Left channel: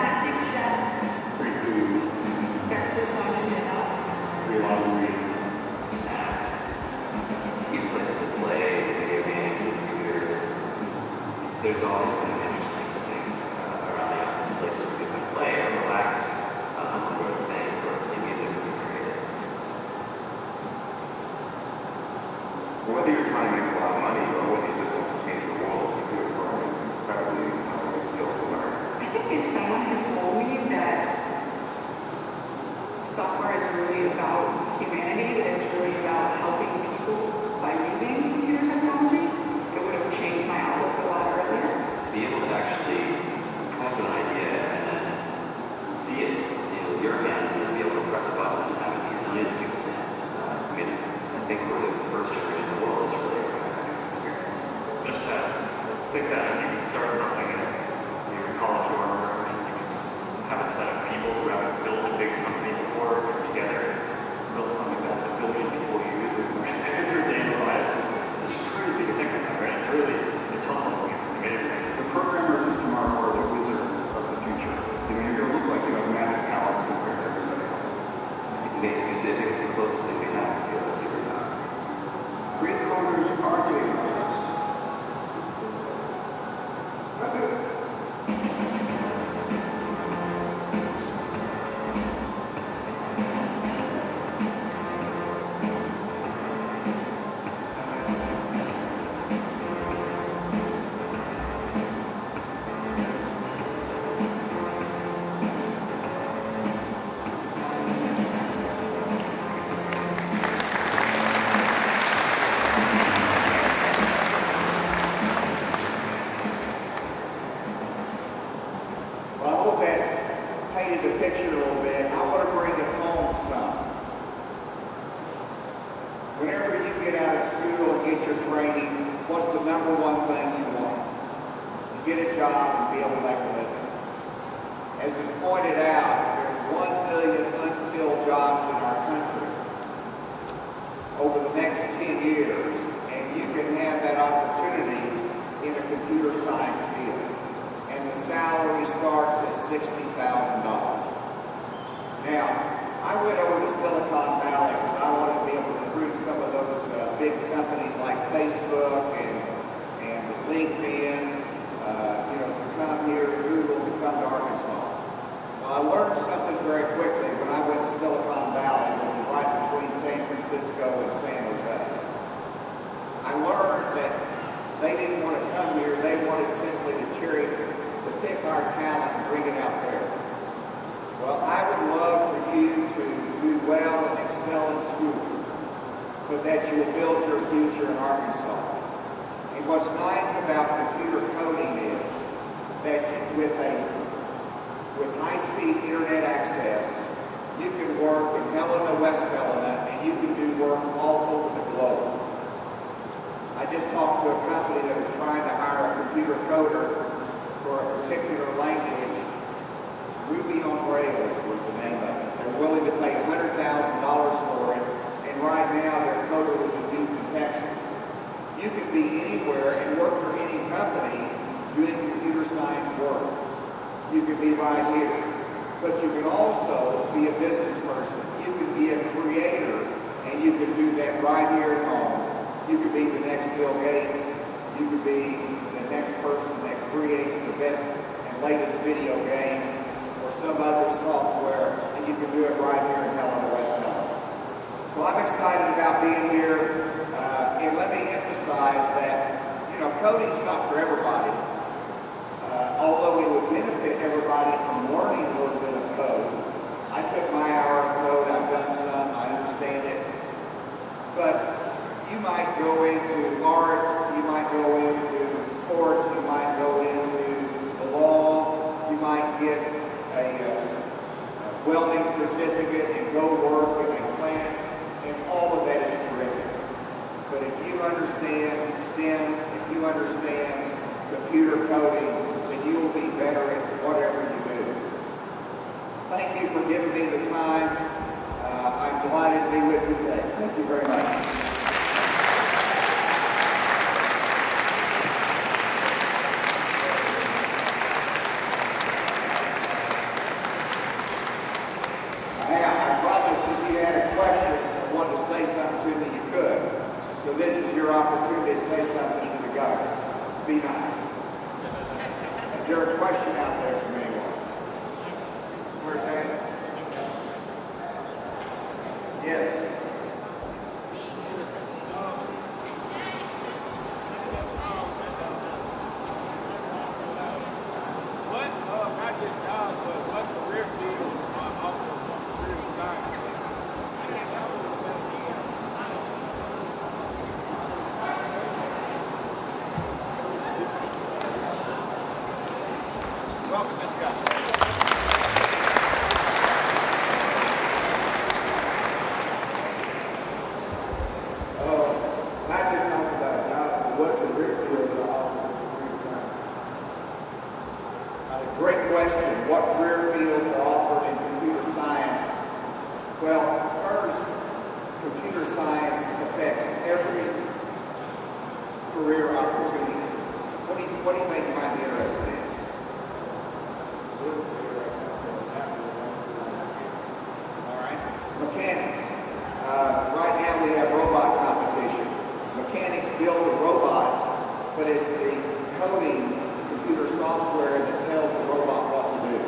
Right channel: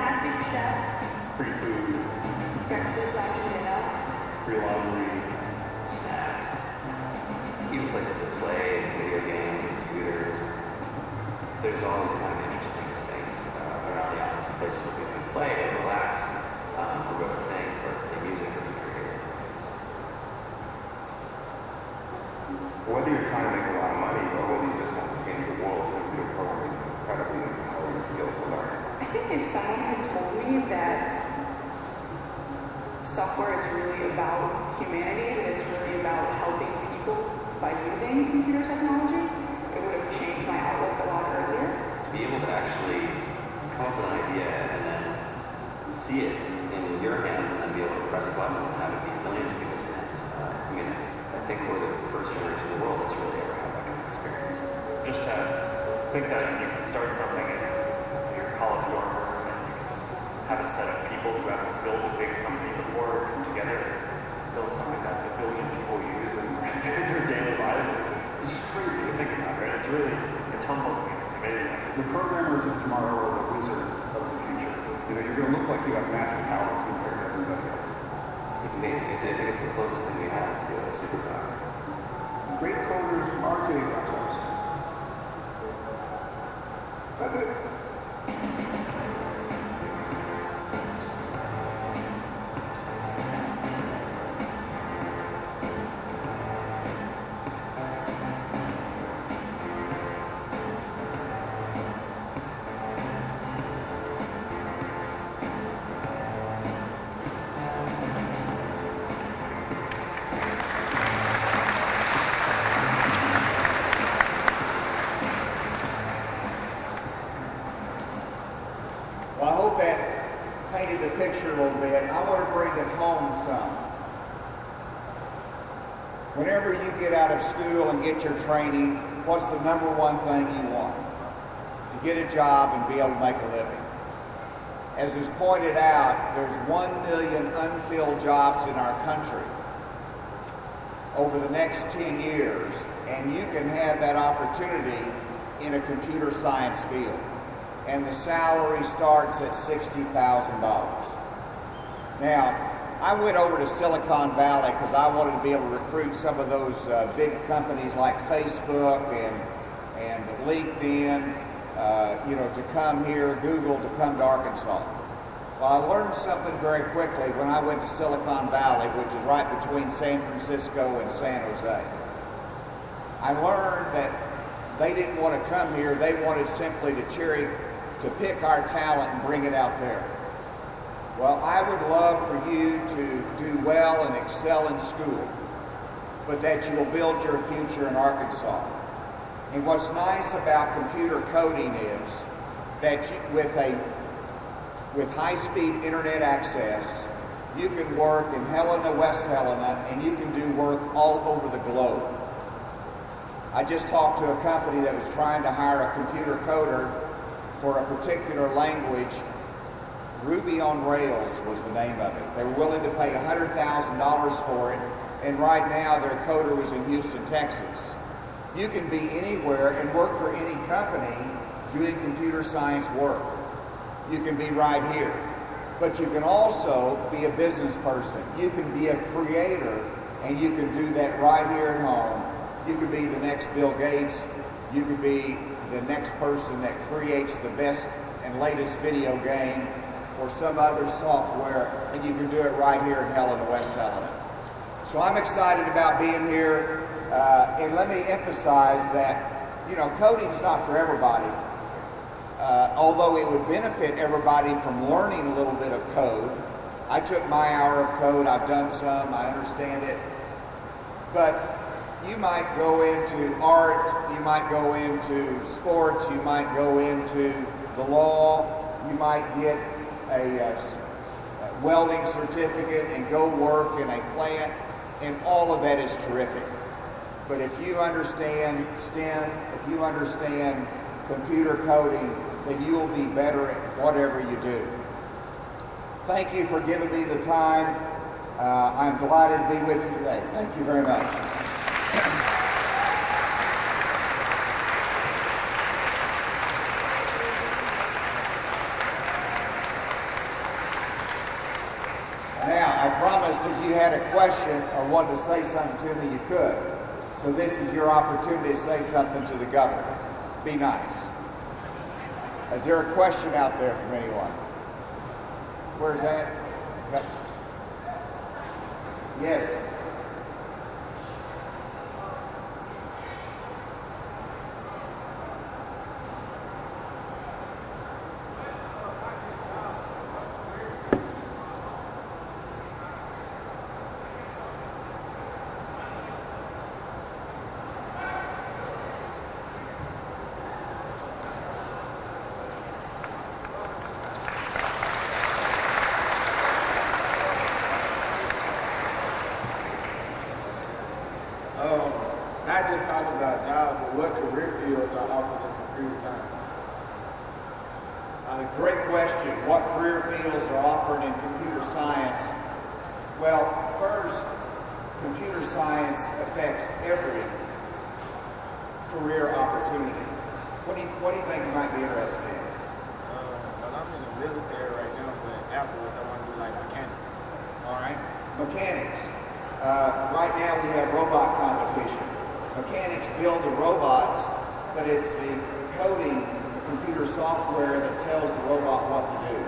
fantastic chef. Free food. Breakfast, lunch, and dinner. Free laundry. Snacks. Even places to play video games and scooters. There's always kind of interesting things around the island. Some places where you can play or relax, or think, or play music or be creative. Whether you're trying to make a lot of money or whether you just want to change the world with your program, incredibly important skills to learn. I think if someone had told me that software is really about humanity, that it's really about helping people by using computer technology, it would have changed my outlook a lot earlier. To be able to actually come up with an idea and then see it in your hands and then be able to press a button and have it in millions of people's hands. I think we're the first generation in the world that's really having that kind of experience. Just to think that you can start something in your college dorm room and you can have a set of people who have built a big company before come together and build something that a billion people use as their daily lives. It's just crazy to think about, right? It's humbling. It's amazing. The programmers of tomorrow are the wizards of the future. You're going to look like you have magic powers compared to everybody else. It's amazing. I think it's the closest thing we have to a superpower. Great coders are getting experts. That's it. Well, I hope that painted the picture a little bit. I want to bring it home some. Whenever you get out of school and get your training, what's the number one thing you want? To get a job and be able to make a living. As is pointed out, there's 1 million unfilled jobs in our country over the next 10 years, and you can have that opportunity in a computer science field. And the salary starts at $60,000. Now, I went over to Silicon Valley because I wanted to be able to recruit some of those big companies like Facebook and LinkedIn, to come here, Google, to come to Arkansas. Well, I learned something very quickly when I went to Silicon Valley, which is right between San Francisco and San Jose. I learned that they didn't want to come here, they wanted simply to pick our talent and bring it out there. Well, I would love for you to do well and excel in school, but that you will build your future in Arkansas. And what's nice about computer coding is that with high-speed internet access, you can work in Helena-West Helena, and you can do work all over the globe. I just talked to a company that was trying to hire a computer coder for a particular language. Ruby on Rails was the name of it. They're willing to pay $100,000 for it, and right now their coder was in Houston, Texas. You can be anywhere and work for any company doing computer science work. You can be right here. But you can also be a business person. You can be a creator, and you can do that right here at home. You can be the next Bill Gates. You can be the next person that creates the best and latest video game or some other software, and you can do it right here in Helena-West Helena. So I'm excited about being here, and let me emphasize that, coding's not for everybody. Although it would benefit everybody from learning a little bit of code. I took my hour of code, I've done some, I understand it. But you might go into art, you might go into sports, you might go into the law, you might get a welding certificate and go work in a plant, and all of that is terrific. But if you understand STEM, if you understand computer coding, then you'll be better at whatever you do. Thank you for giving me the time. I'm delighted to be with you today. Thank you very much. your opportunity to say something to the governor. Be nice. Is there a question out there from anyone? Where's that? Yes. Great question. What career fields are offered in computer science? Well, first, computer science affects every career opportunity. What do you think you might be interested in? I'm in the military right now, but afterwards I want to do like mechanics. All right. Mechanics. Right now we have robot competition. Mechanics build the robots, but it's the coding computer software that tells the robot what to do.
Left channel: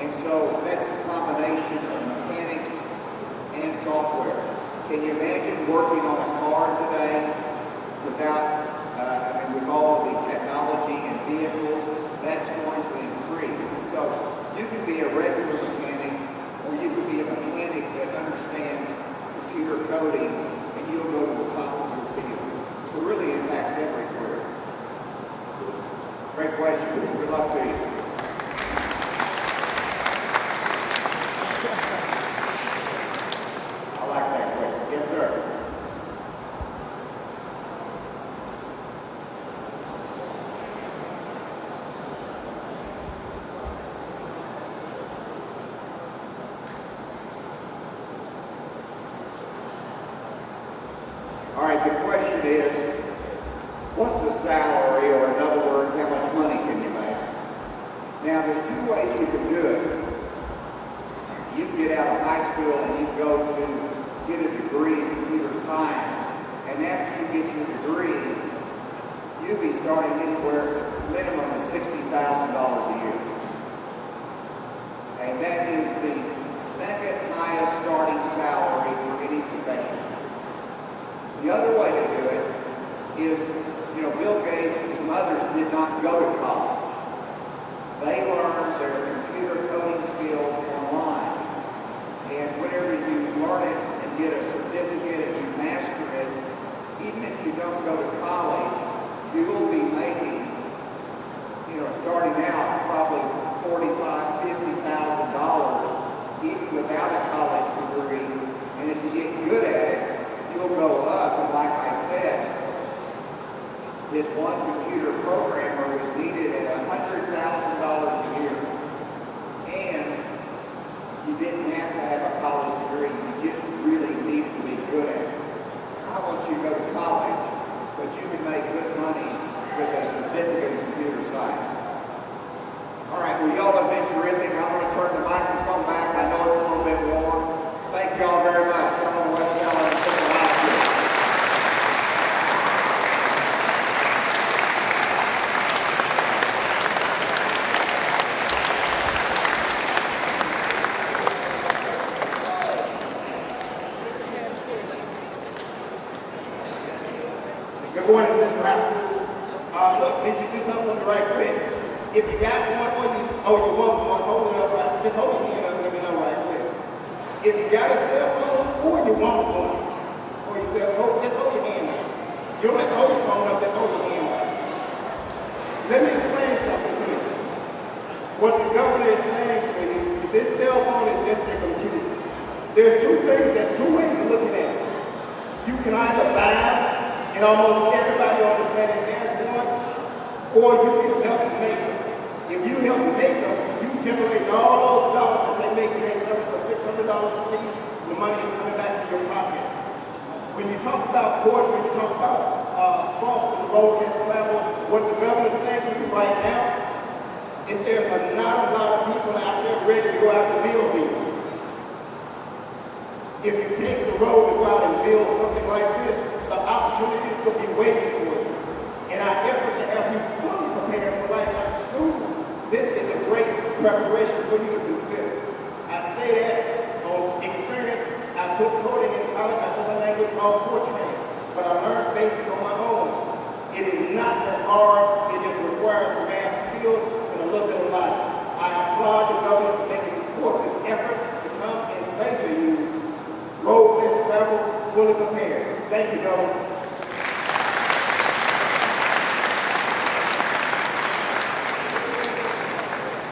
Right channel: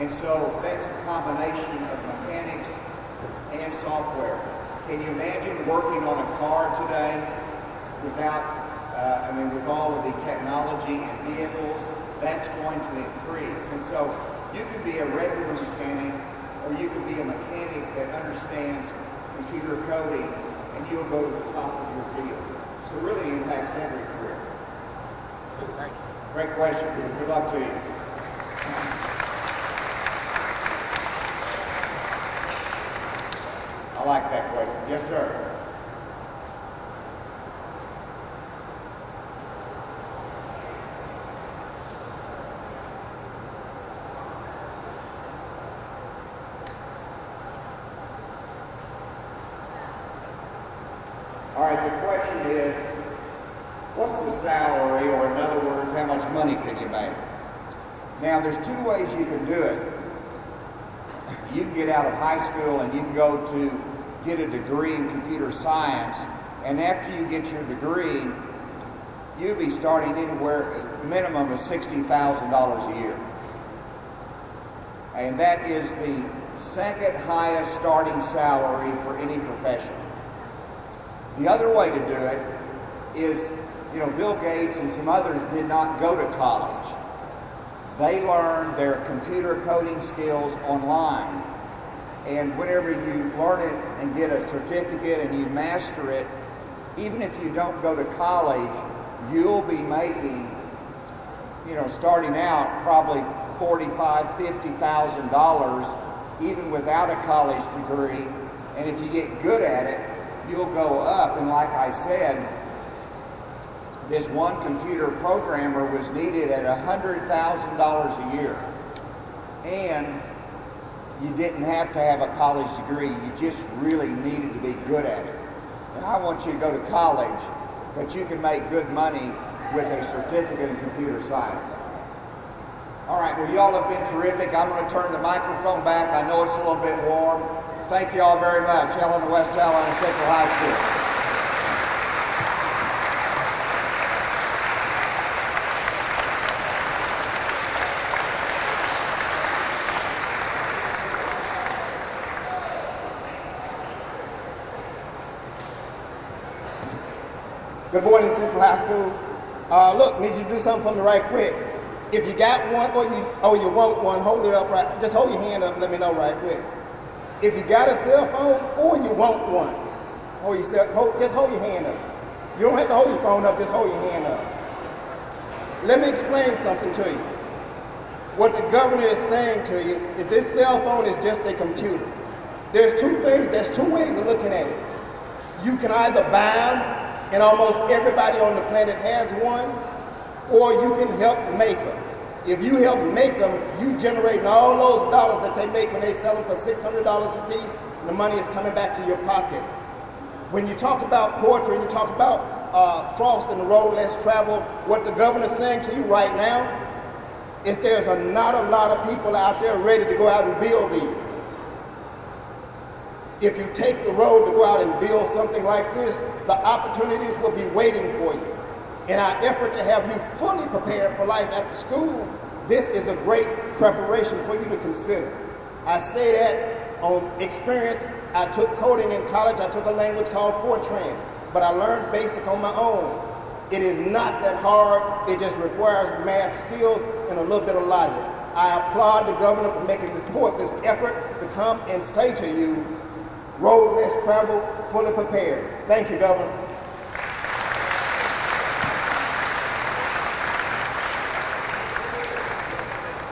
And so that's a combination of mechanics and software. Can you imagine working on a car today without, with all of the technology and vehicles? That's going to increase. And so you could be a regular mechanic, or you could be a mechanic that understands computer coding, and you'll go to the top of your field. So it really impacts every career. Great question. Good luck to you. I like that question. Yes, sir. All right, the question is, what's the salary, or in other words, how much money can you make? Now, there's two ways you can do it. You can get out of high school and you can go to get a degree in computer science. And after you get your degree, you'll be starting anywhere, minimum of $60,000 a year. And that is the second highest starting salary for any profession. The other way to do it is, Bill Gates and some others did not go to college. They learned their computer coding skills online. And whenever you learn it and get a certificate and you master it, even if you don't go to college, you'll be making, starting out probably $45,000, $50,000 even without a college degree. And if you get good at it, you'll go up. And like I said, this one computer programmer was needed at $100,000 a year. And you didn't have to have a college degree. You just really needed to be good at it. Now, I want you to go to college, but you can make good money with a certificate in computer science. All right, well, y'all have been terrific. I'm going to turn the microphone back. I know it's a little bit warm. Thank you all very much. Helena-West Central High School. Good morning, Central High School. Look, need you to do something for me right quick. If you got one or you want one, hold it up right. Just hold your hand up and let me know right quick. If you got a cell phone or you want one, just hold your hand up. You don't have to hold your phone up, just hold your hand up. Let me explain something to you. What the governor is saying to you is this cell phone is just a computer. There's two ways of looking at it. You can either buy them, and almost everybody on the planet has one, or you can help make them. If you help make them, you generate all those dollars that they make when they sell them for $600 a piece, the money is coming back to your pocket. When you talk about poetry, you talk about frost in the road less traveled, what the governor is saying to you right now, if there's not a lot of people out there ready to go out and build these, if you take the road to go out and build something like this, the opportunities will be waiting for you. In our effort to have you fully prepared for life after school, this is a great preparation for you to consider. I say that on experience. I took coding in college. I took a language called Fortran, but I learned BASIC on my own. It is not that hard. It just requires math skills and a little bit of logic. I applaud the governor for making this effort to come and say to you, road less traveled, fully prepared. Thank you, Governor.